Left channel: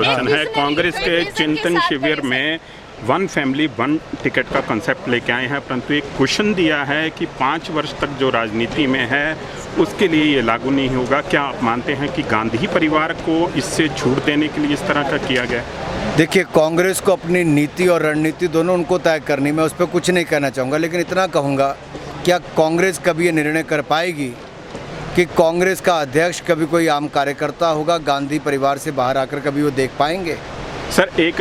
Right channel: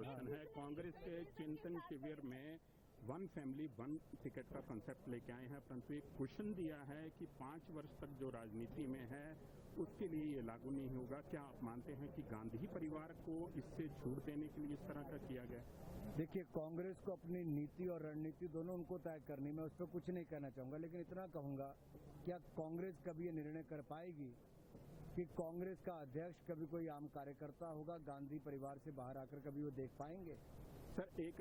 Question है। कांग्रेस के चिंतन शिविर में वन फैमिली वन टिकट का कंसेप्ट लेके आए हैं, परंतु एक क्वेश्चन दिया है कि 5 वर्ष तक जो राजनीति में है उसके लिए ये लागू नहीं होगा। क्या आप मानते हैं कि गांधी परिवार को इससे छूट देने के लिए इस तरह का किया गया? देखिए, कांग्रेस को अपनी नीति और रणनीति दोनों उनको तय करनी, मैं उस पर कुछ नहीं कहना चाहूँगा, लेकिन इतना कहूँगा, क्या कांग्रेस कभी ये निर्णय कर पाएगी कि कांग्रेस का अध्यक्ष कभी कोई आम कार्यकर्ता होगा? गांधी परिवार से बाहर आकर कभी वो देख पाएंगे? सर, एक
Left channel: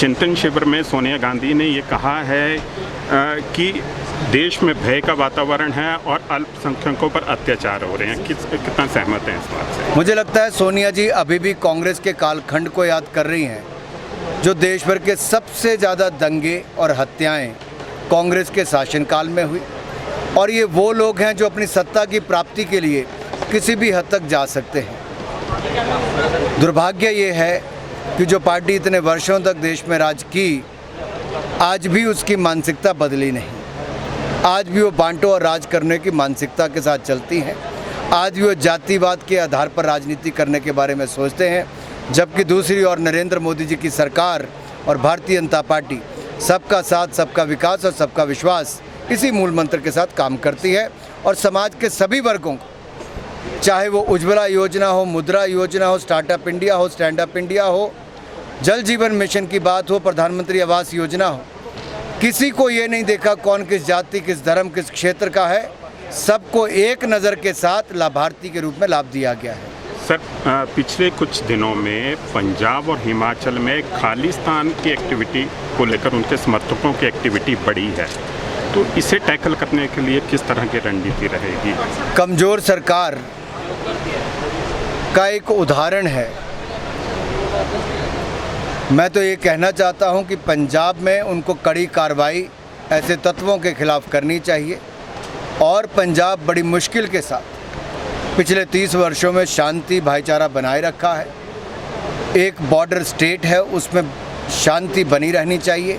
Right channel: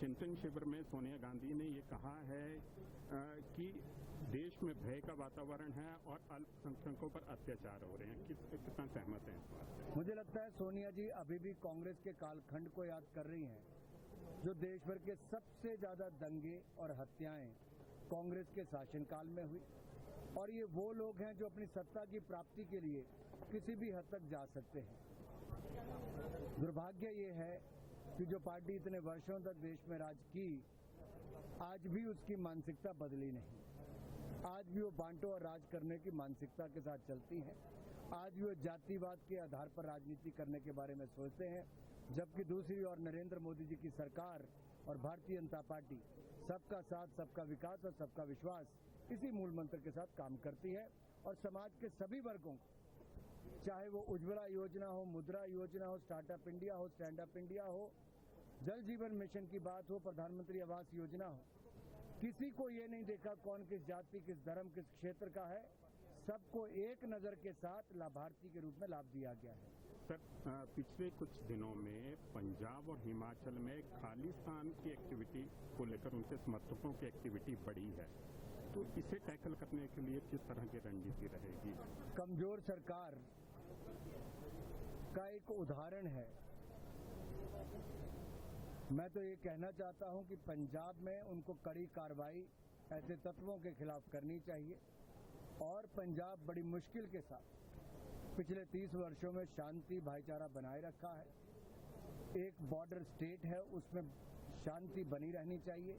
चिंतन शिविर में सोनिया गांधी ने ये कहा है कि देश में भय का वातावरण है और अल्पसंख्यकों पर अत्याचार हो रहे हैं। कितना सहमत हैं इस बात से? मुझे लगता है सोनिया जी अभी भी कांग्रेस के कालखंड को याद कर रही हैं, जो देश भर के सबसे ज़्यादा दंगे और हत्याएं कांग्रेस के शासनकाल में हुई, और ये वो लोग हैं जो अपनी सत्ता की प्राप्ति के लिए किसी भी हद तक जा सकते हैं। दुर्भाग्य ये है कि जो पार्टी इतने वर्षों तक देश में राज की, आज भी उसकी मानसिकता बदली नहीं। आज भी वो बांटो और राज करने की मानसिकता के साथ चलती हैं। आज भी वो जातिवाद के आधार पर राजनीति करने के बारे में सोचते हैं, जबकि दूसरी ओर नरेंद्र मोदी जी की सरकार और भारतीय जनता पार्टी सबका साथ, सबका विकास और सबका विश्वास, इसी मूल मंत्र के साथ काम करती है और समाज के सभी वर्गों को, चाहे वो उज्ज्वला योजना हो, मुद्रा योजना हो, स्टार्टअप इंडिया हो, स्टैंड अप इंडिया हो, जल जीवन मिशन की बात हो, प्रधानमंत्री आवास योजना हो, किसी को ये नहीं देखा कौन किस जाति, किस धर्म, किस क्षेत्र का है। सबको एक नज़र के साथ लाभार्थी के रूप में लाभ दिया गया है। सर, पिछले कुछ दिनों में पंजाब और हिमाचल में खालिस्तान की एक्टिविटी को लेकर उनके समर्थकों की एक्टिविटी बढ़ी है, तो इसे टैकल करने के लिए किस तरह की रणनीति रहेगी? कमज़ोर सरकार का एक उदाहरण है। मैं तो ये कहना चाहता हूं कि पंजाब में उनको कड़ी कार्रवाई ऐसे तत्वों के खिलाफ करनी चाहिए, और पंजाब बड़ी मुश्किल के साथ पिछले 30 वर्षों में शांति भाईचारा बनाए रखा है। एक बॉर्डर स्टेट है, उसमें शांति बनी रहनी चाहिए,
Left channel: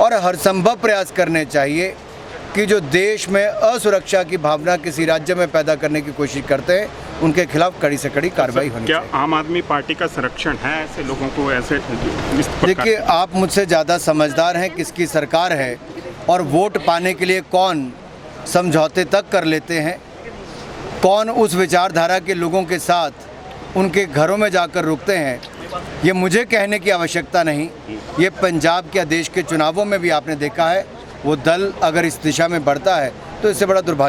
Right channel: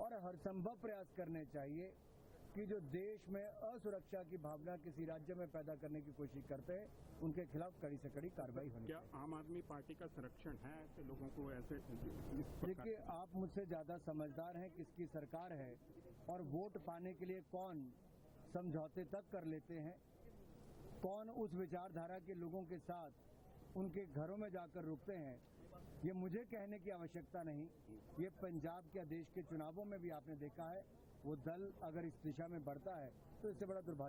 और हर संभव प्रयास करने चाहिए कि जो देश में असुरक्षा की भावना किसी राज्य में पैदा करने की कोशिश करते हैं, उनके खिलाफ कड़ी से कड़ी कार्रवाई होनी चाहिए। क्या आम आदमी पार्टी का संरक्षण है ऐसे लोगों को? ऐसे देखिए, आप मुझसे ज़्यादा समझदार हैं किसकी सरकार है और वोट पाने के लिए कौन समझौते तक कर लेते हैं, कौन उस विचारधारा के लोगों के साथ उनके घरों में जाकर रुकते हैं, ये मुझे कहने की आवश्यकता नहीं। ये पंजाब के देश के चुनावों में भी आपने देखा है, वो दल अगर इस दिशा में बढ़ता है तो इससे बड़ा दुर्भाग्य